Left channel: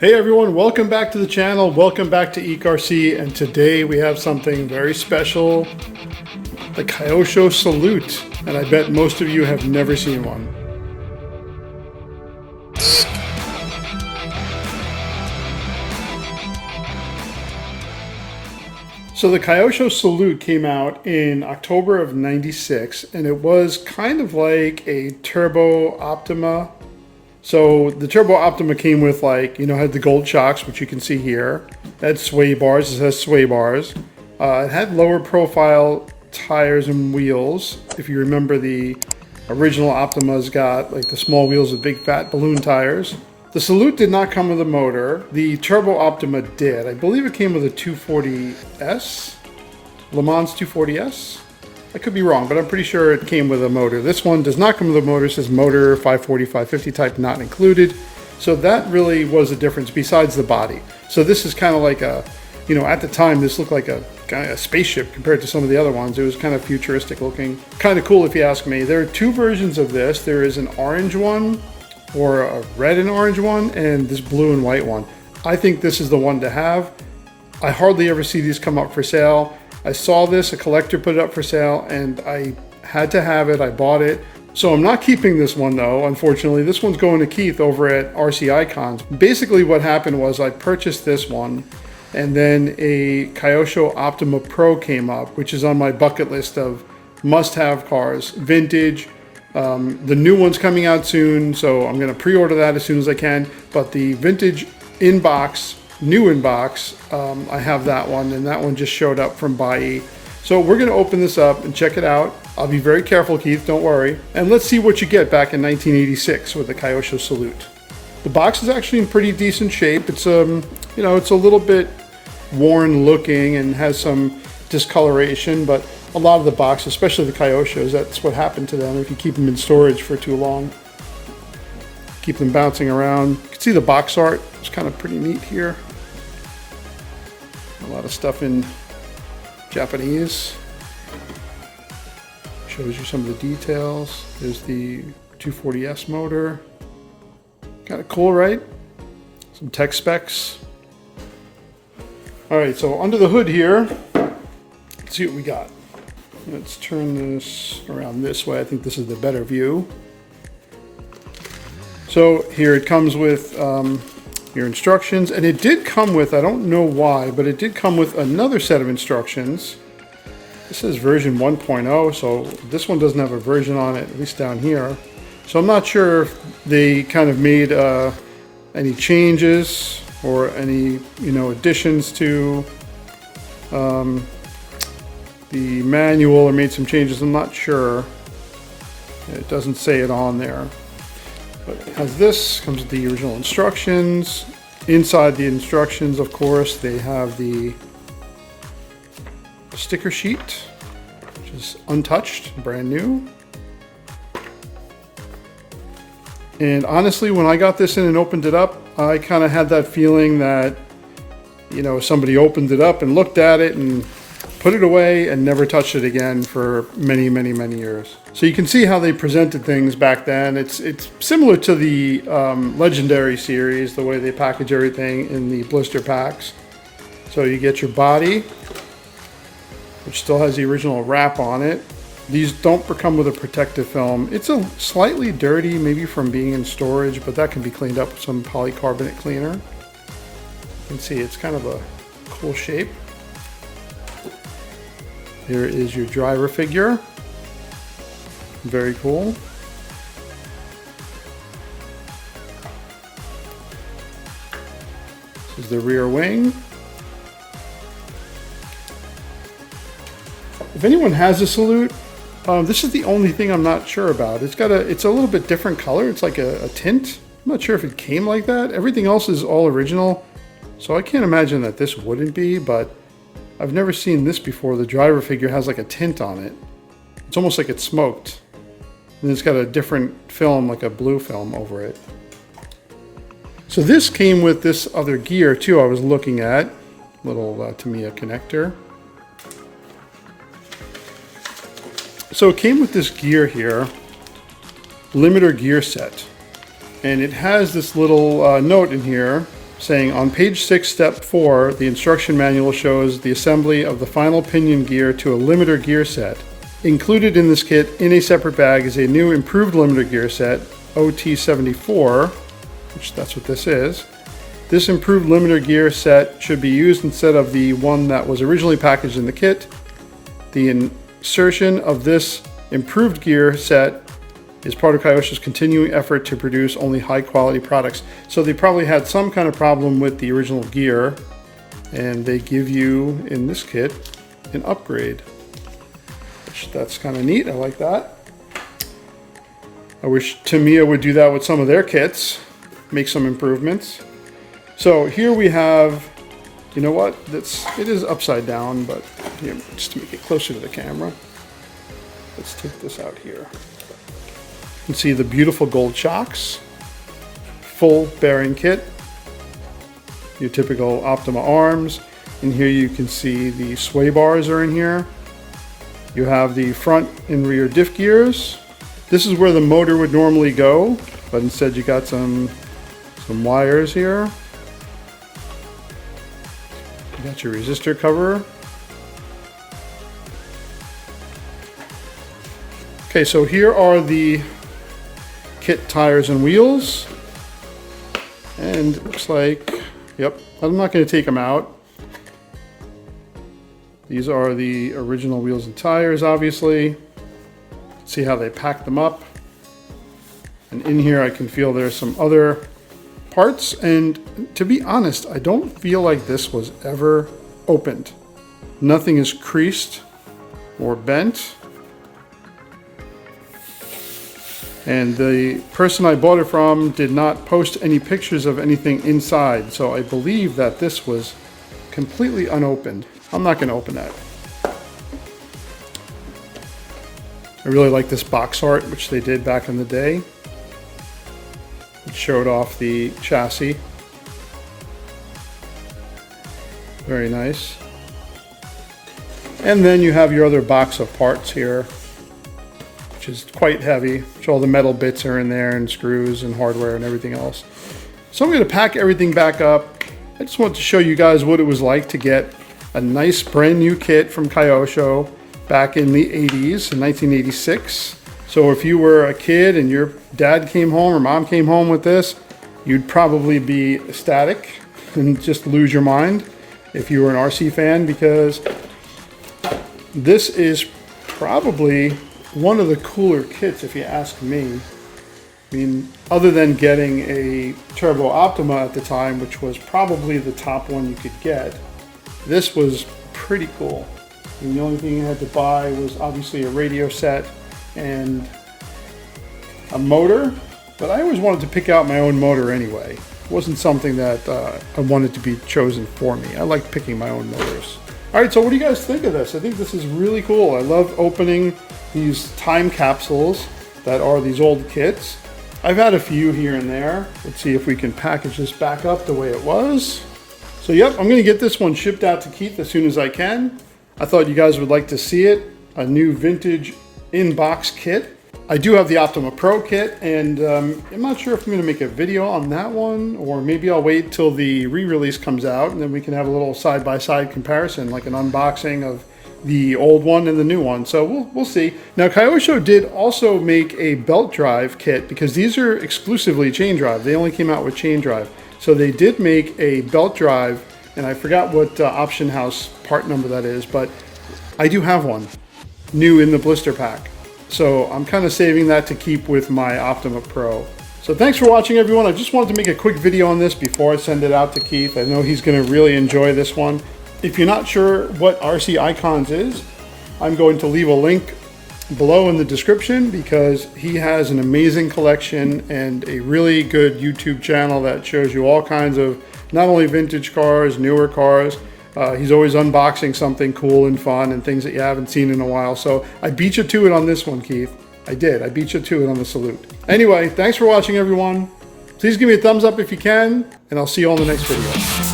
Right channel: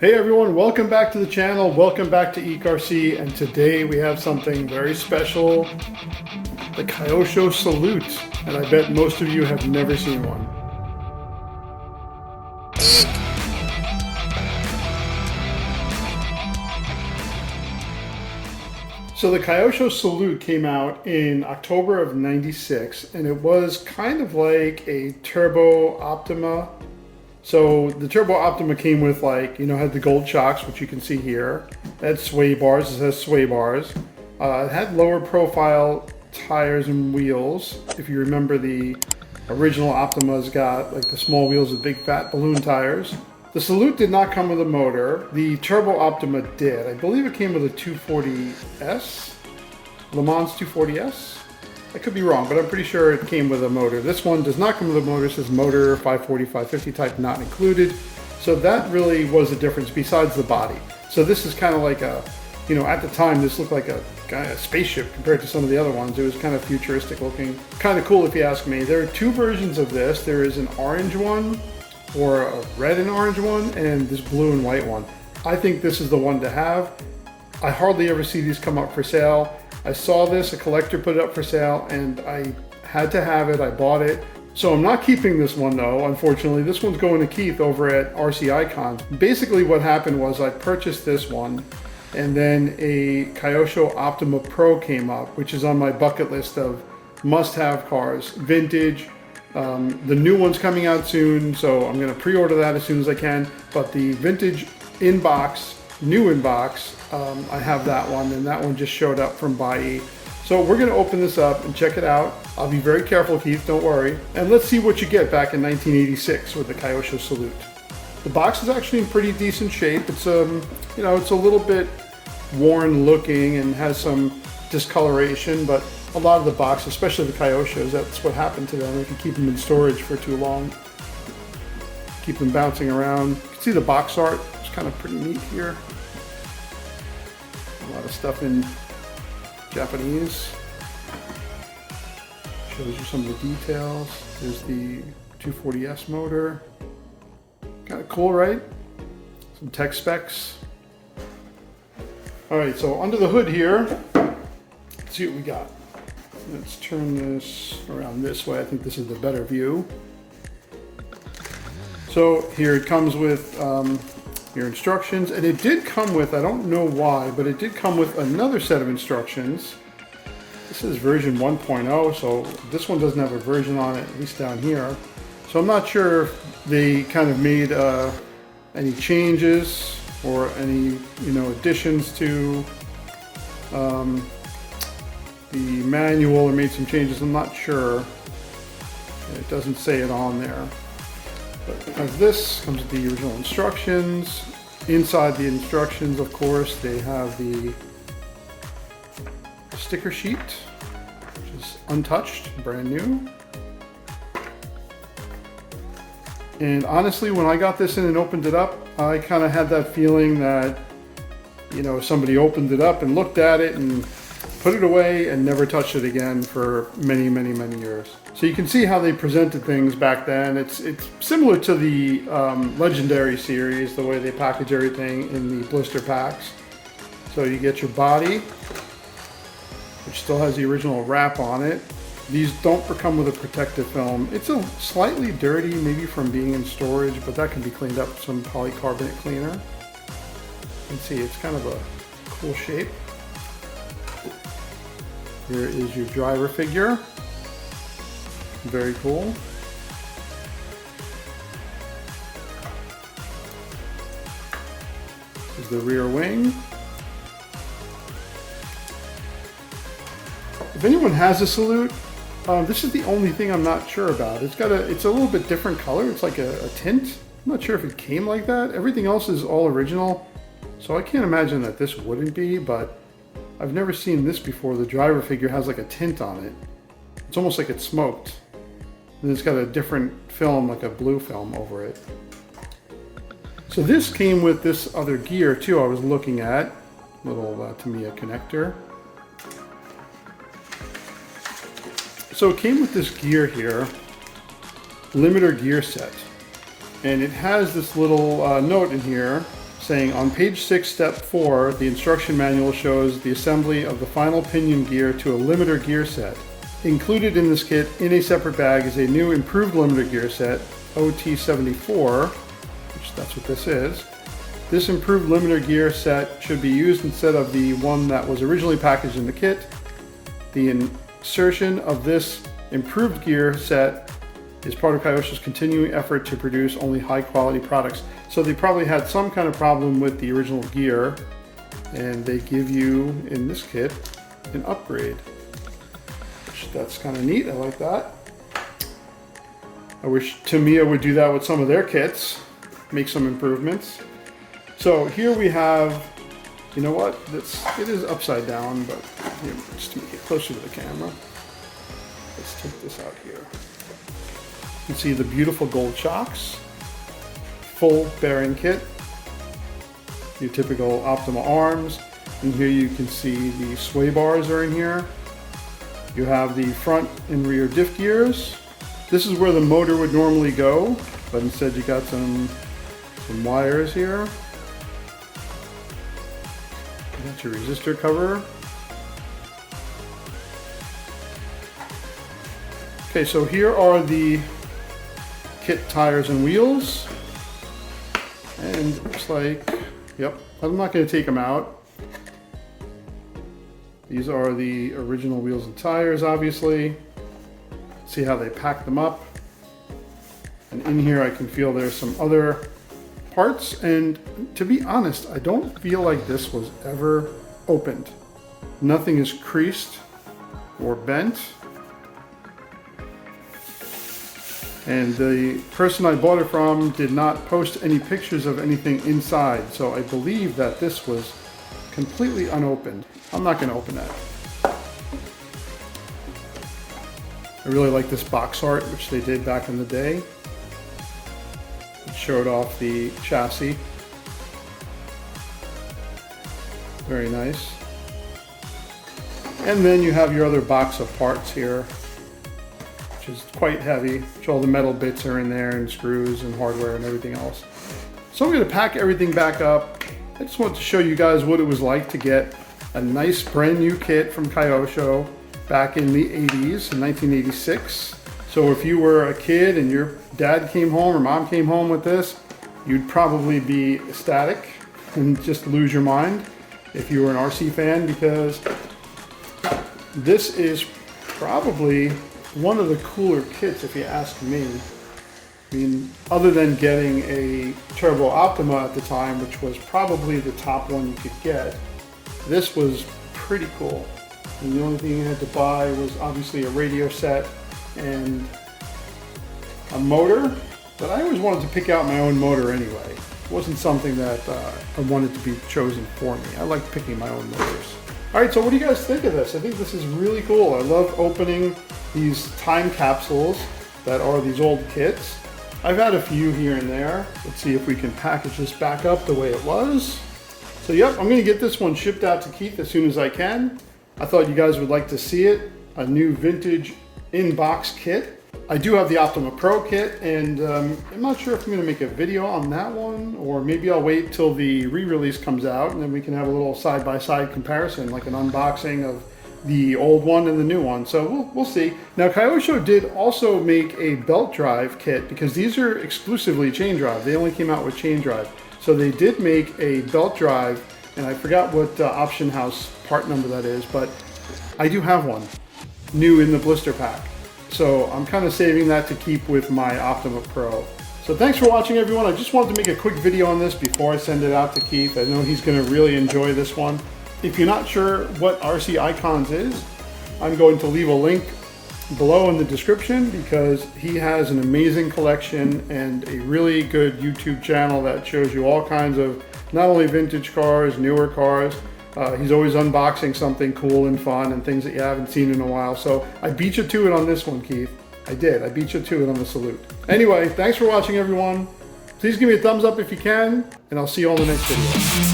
Hey everyone, welcome back to the channel. Welcome back to ECRC, and today we have something very special, the Kyosho Salute, and I bet most of you have never seen one. So the Kyosho Salute came out in October of '96, and it was kind of like a Turbo Optima. So the Turbo Optima came with, like, had the gold shocks, which you can see here. It had sway bars. It has sway bars. It had lower profile tires and wheels. If you remember, the original Optima's got like the small wheels with big fat balloon tires. The Salute did not come with a motor. The Turbo Optima did. I believe it came with a 240S, Le Mans 240S. I could be wrong, but I'm pretty sure it came with a motor. This one does not come with a motor. It says motor 540, 550 type not included. So that really was the difference besides the body. So this is kind of like a, at the time this looked like a spaceship compared to some of the other ones. It was kind of futuristic looking. Kind of cool if you ask me. There are two versions of this. There is an orange one, or a red and orange one, and this blue and white one. I think this is the one to have. I hardly ever see these come up for sale. I saw this, a collector put it up for sale, and I had to have it. I bought it. So I'm not keeping this one though, unfortunately. This one's going to Keith over at RC Icons. Basically what happened was I purchased this one, and then a Kyosho Optima Pro came up, which is on my bucket list of must-have cars, vintage. The new one's coming out soon, so I'm gonna pre-order that as soon as I can. But the vintage inbox, new inbox, I have that one, and that one just showed up from Bai. So we're gonna open this up and check it out. I'll be very careful, Keith, don't worry. And let's see what you get back in 1986 with the Kyosho Salute. The box is actually in pretty decent shape. It's it's a little bit worn looking and has some discoloration, but a lot of the box, especially the Kyoshos, that's what happened to them if you keep them in storage for too long. Keep them bouncing around. You can see the box art. It's kind of pretty neat here. A lot of stuff in Japanese. Shows you some of the details. There's the 240S motor. Kind of cool, right? Some tech specs. All right, so under the hood here, let's see what we got. Let's turn this around this way. I think this is the better view. So here it comes with your instructions, and it did come with, I don't know why, but it did come with another set of instructions. This is version 1.0, so this one doesn't have a version on it, at least down here. So I'm not sure if they kind of made any changes or any, additions to the manual, or made some changes. I'm not sure. It doesn't say it on there. But as this comes with the original instructions. Inside the instructions, of course, they have the sticker sheet, which is untouched, brand new. And honestly, when I got this in and opened it up, I kind of had that feeling that, somebody opened it up and looked at it and put it away and never touched it again for many, many, many years. So you can see how they presented things back then. It's similar to the Legendary series, the way they package everything in the blister packs. So you get your body, which still has the original wrap on it. These don't come with a protective film. It's a slightly dirty, maybe from being in storage, but that can be cleaned up with some polycarbonate cleaner. You can see it's kind of a cool shape. Here is your driver figure. Very cool. This is the rear wing. If anyone has a Salute, this is the only thing I'm not sure about. It's a little bit different color. It's like a tint. I'm not sure if it came like that. Everything else is all original, so I can't imagine that this wouldn't be, but I've never seen this before. The driver figure has like a tint on it. It's almost like it's smoked. And it's got a different film, like a blue film over it. So this came with this other gear too I was looking at. Little Tamiya connector. So it came with this gear here, limiter gear set. And it has this little note in here saying on page 6, step 4, the instruction manual shows the assembly of the final pinion gear to a limiter gear set. Included in this kit in a separate bag is a new improved limiter gear set, OT74, which that's what this is. This improved limiter gear set should be used instead of the one that was originally packaged in the kit. The insertion of this improved gear set is part of Kyosho's continuing effort to produce only high quality products. So they probably had some kind of problem with the original gear, and they give you, in this kit, an upgrade. That's kind of neat, I like that. I wish Tamiya would do that with some of their kits, make some improvements. So here we have, you know what, it is upside down, but here, just to make it closer to the camera, let's take this out here. You can see the beautiful gold shocks, full bearing kit, your typical Optima arms, and here you can see the sway bars are in here. You have the front and rear diff gears. This is where the motor would normally go, but instead you got some wires here. You got your resistor cover. Okay, so here are the kit tires and wheels, and it looks like, yep, I'm not going to take them out. These are the original wheels and tires, obviously. See how they pack them up. And in here I can feel there's some other parts, and to be honest, I don't feel like this was ever opened. Nothing is creased or bent. And the person I bought it from did not post any pictures of anything inside, so I believe that this was completely unopened. I'm not going to open that. I really like this box art, which they did back in the day. It showed off the chassis. Very nice. And then you have your other box of parts here, which is quite heavy. Which all the metal bits are in there, and screws and hardware and everything else. So I'm going to pack everything back up. I just want to show you guys what it was like to get a nice brand new kit from Kyosho back in the 80s, in 1986. So if you were a kid and your dad came home or mom came home with this, you'd probably be ecstatic and just lose your mind if you were an RC fan, because this is probably one of the cooler kits if you ask me. I mean, other than getting a Turbo Optima at the time, which was probably the top one you could get, this was pretty cool. And the only thing you had to buy was obviously a radio set and a motor, but I always wanted to pick out my own motor anyway. It wasn't something that I wanted to be chosen for me. I like picking my own motors. All right, so what do you guys think of this? I think this is really cool. I love opening these time capsules that are these old kits. I've had a few here and there. Let's see if we can package this back up the way it was. So yep, I'm gonna get this one shipped out to Keith as soon as I can. I thought you guys would like to see it, a new vintage in-box kit. I do have the Optima Pro kit, and I'm not sure if I'm gonna make a video on that one, or maybe I'll wait till the re-release comes out and then we can have a little side-by-side comparison, like an unboxing of the old one and the new one. So we'll see. Now Kyosho did also make a belt drive kit, because these are exclusively chain drive. They only came out with chain drive. So they did make a belt drive, and I forgot what option house part number that is, but I do have one new in the blister pack. So I'm kind of saving that to keep with my Optima Pro. So thanks for watching, everyone. I just wanted to make a quick video on this before I send it out to Keith. I know he's going to really enjoy this one. If you're not sure what RC Icons is, I'm going to leave a link below in the description, because he has an amazing collection and a really good YouTube channel that shows you all kinds of not only vintage cars, newer cars. He's always unboxing something cool and fun and things that you haven't seen in a while. So I beat you to it on this one, Keith. I did. I beat you to it on the Salute. Anyway, thanks for watching, everyone. Please give me a thumbs up if you can, and I'll see you on the next video.